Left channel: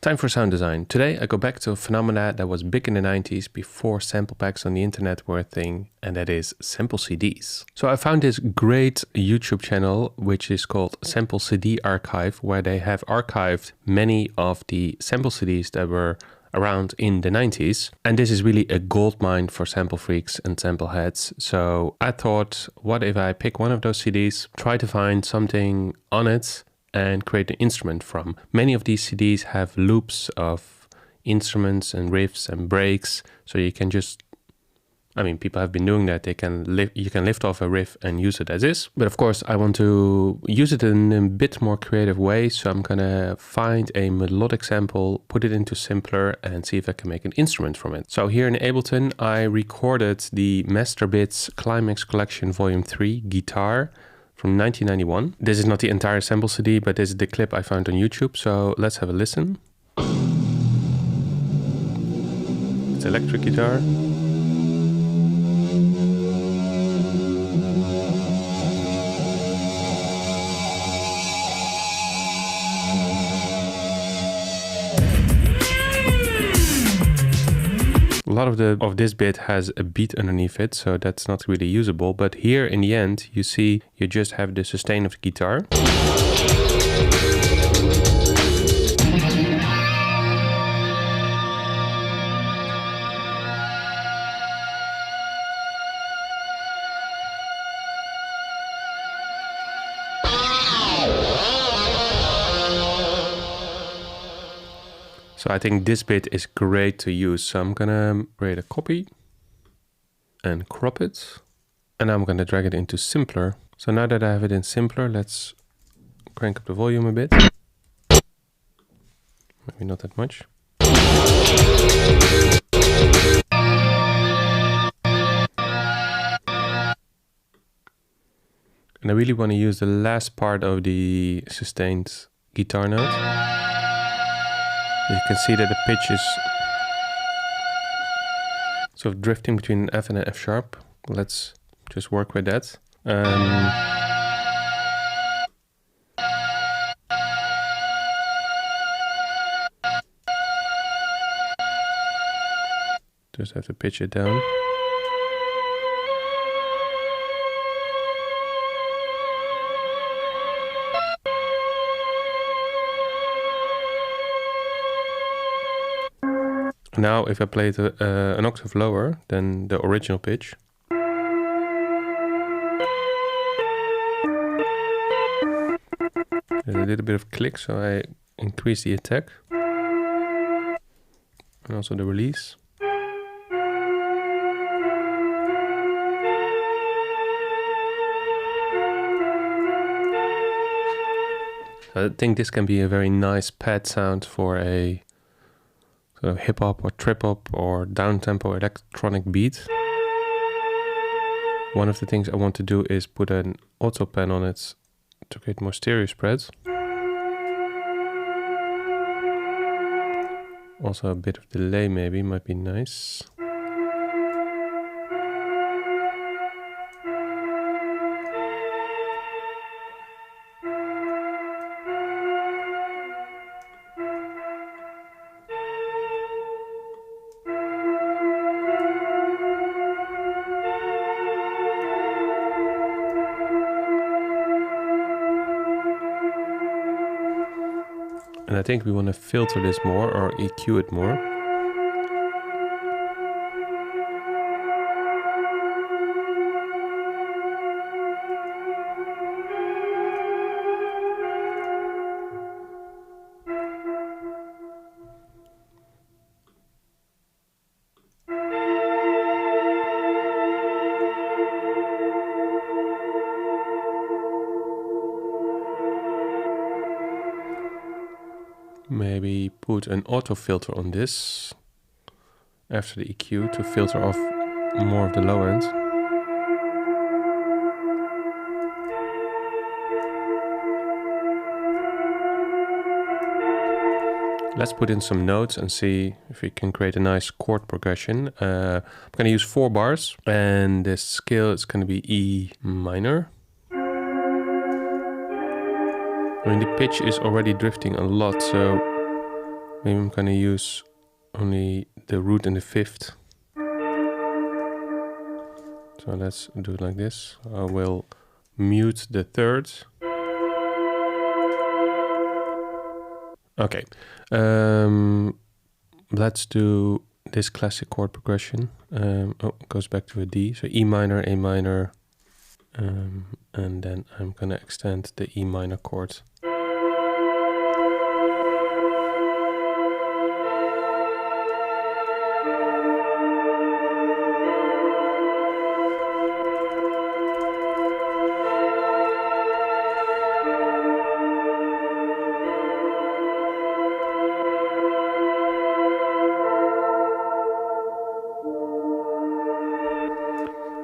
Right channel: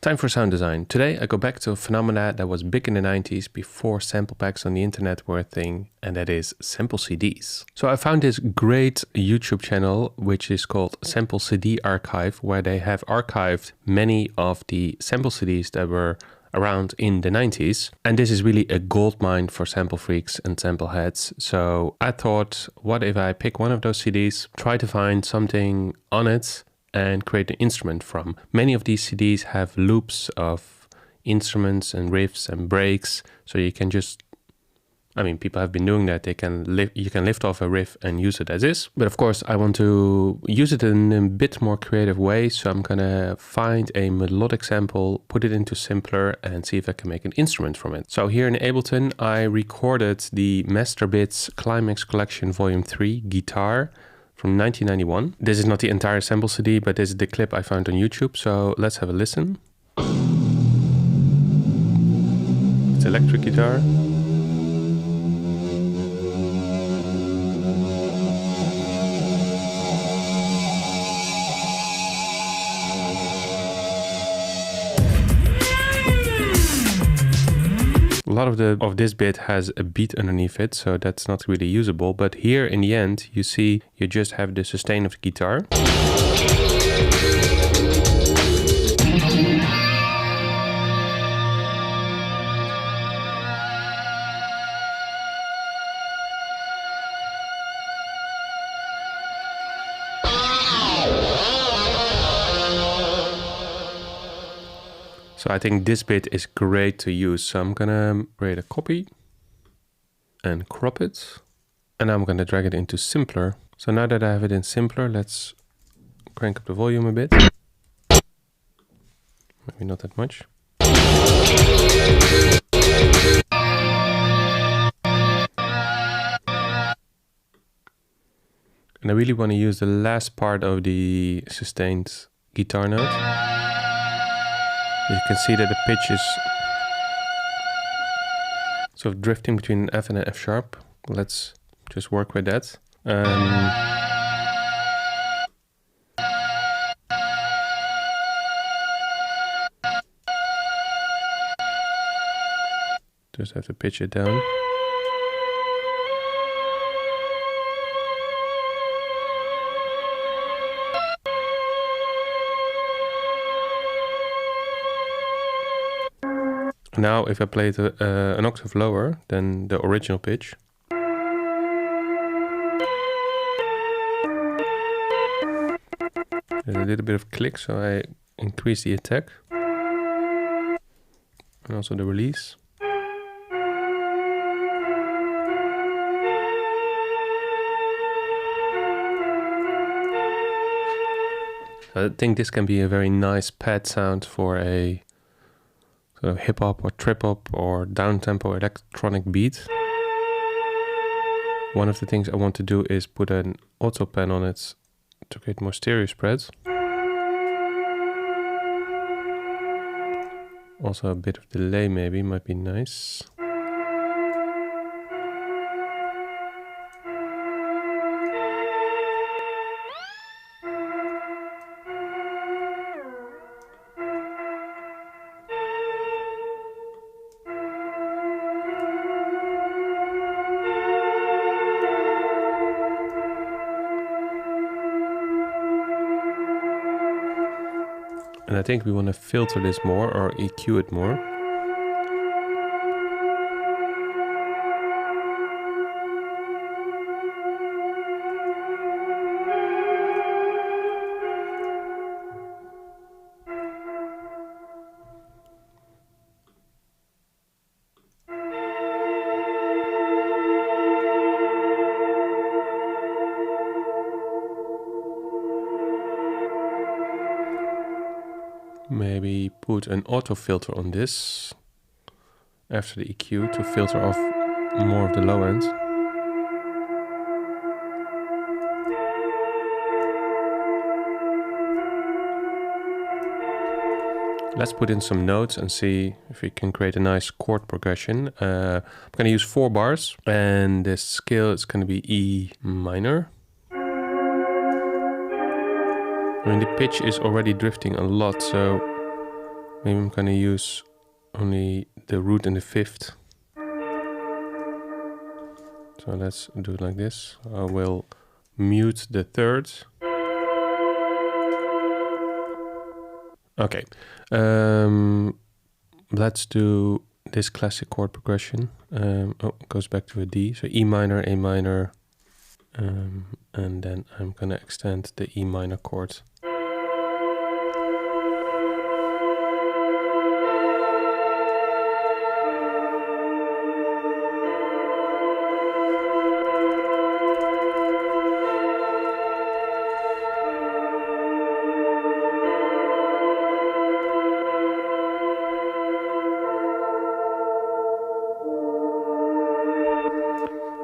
Time for sound design. Today I go back to a phenomena that was big in the 90s before sample packs on the internet were a thing, and that is sample CDs. So I found this great YouTube channel which is called Sample CD Archive, where they have archived many of the sample CDs that were around in the 90s. And this is really a goldmine for sample freaks and sample heads. So I thought, what if I pick one of those CDs, try to find something on it and create an instrument from. Many of these CDs have loops of instruments and riffs and breaks, so you can just, people have been doing that. You can lift off a riff and use it as is. But of course, I want to use it in a bit more creative way, so I'm gonna find a melodic sample, put it into Simpler, and see if I can make an instrument from it. So here in Ableton, I recorded the Masterbits Climax Collection Volume 3 guitar from 1991. This is not the entire sample CD, but this is the clip I found on YouTube, so let's have a listen. It's electric guitar. A lot of this bit has a beat underneath it, so that's not really usable. But here in the end, you see you just have the sustain of the guitar. So I think this bit is great to use. So I'm gonna create a copy and crop it. And I'm gonna drag it into Simpler. So now that I have it in Simpler, let's crank up the volume a bit. Maybe not that much. And I really want to use the last part of the sustained guitar note. You can see that the pitch is sort of drifting between an F and an F sharp. Let's just work with that. Just have to pitch it down. Now if I play it an octave lower than the original pitch, there's a little bit of click, so I increase the attack and also the release. I think this can be a very nice pad sound for a sort of hip hop or trip hop or down-tempo electronic beat. One of the things I want to do is put an auto pen on it to create more stereo spreads. Also a bit of delay maybe might be nice. And I think we want to filter this more or EQ it more. Maybe put an auto filter on this after the EQ to filter off more of the low end. Let's put in some notes and see if we can create a nice chord progression. I'm going to use 4 bars and the scale is going to be E minor. I mean, the pitch is already drifting a lot, so Maybe I'm gonna use only the root and the fifth. So let's do it like this. I will mute the third. Okay. Let's do this classic chord progression. Oh, it goes back to a D. So E minor, A minor, and then I'm gonna extend the E minor chord.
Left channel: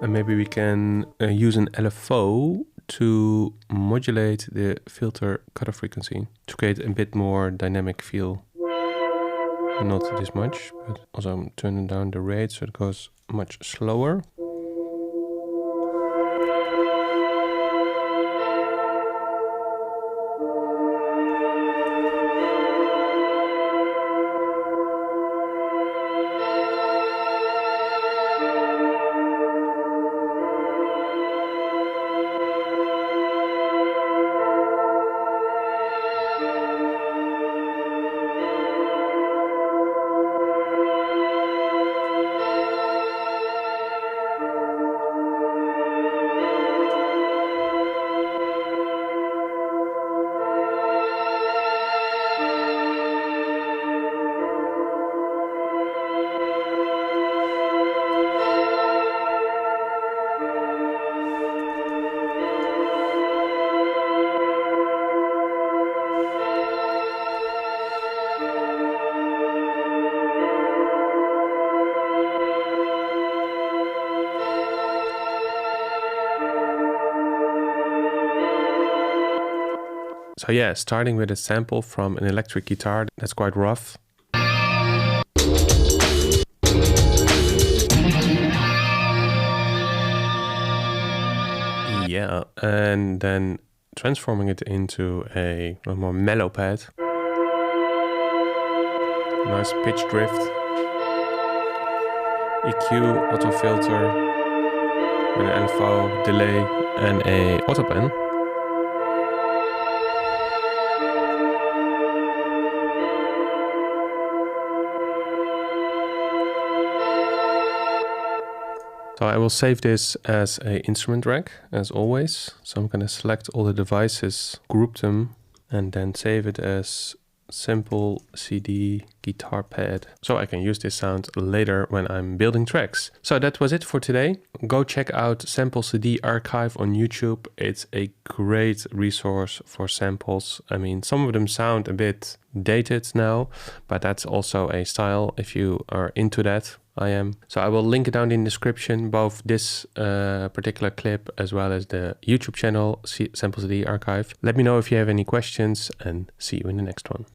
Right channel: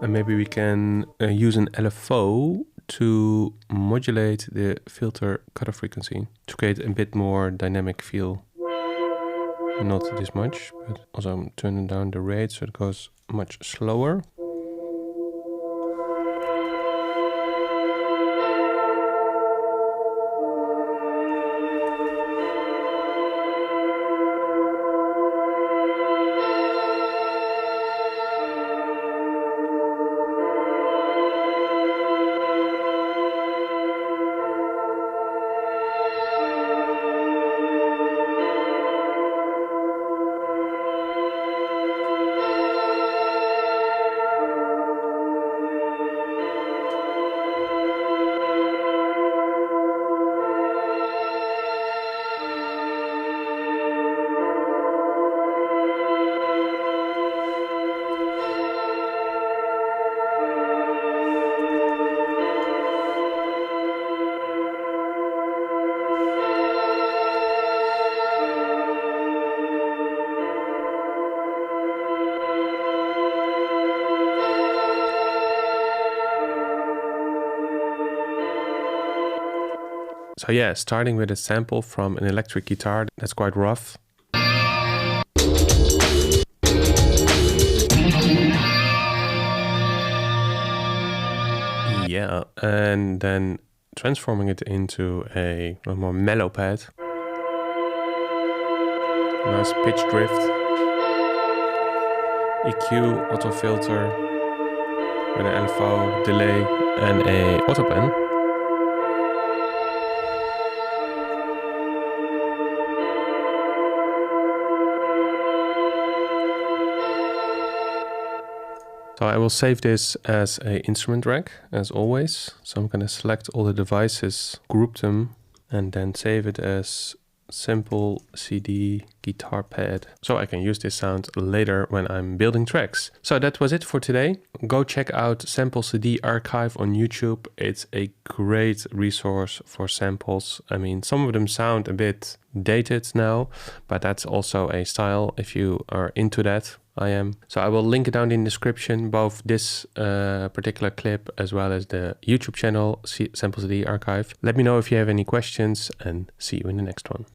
And maybe we can use an LFO to modulate the filter cutoff frequency to create a bit more dynamic feel. Not this much, but also I'm turning down the rate so it goes much slower. So yeah, starting with a sample from an electric guitar, that's quite rough. Yeah, and then transforming it into a more mellow pad. Nice pitch drift. EQ, auto filter, with an LFO, delay, and a auto pen. So I will save this as an instrument rack, as always. So I'm going to select all the devices, group them, and then save it as simple CD guitar pad. So I can use this sound later when I'm building tracks. So that was it for today. Go check out Sample CD Archive on YouTube. It's a great resource for samples. I mean, some of them sound a bit dated now, but that's also a style if you are into that. I am. So I will link it down in the description, both this particular clip as well as the YouTube channel, Sample CD Archive. Let me know if you have any questions and see you in the next one.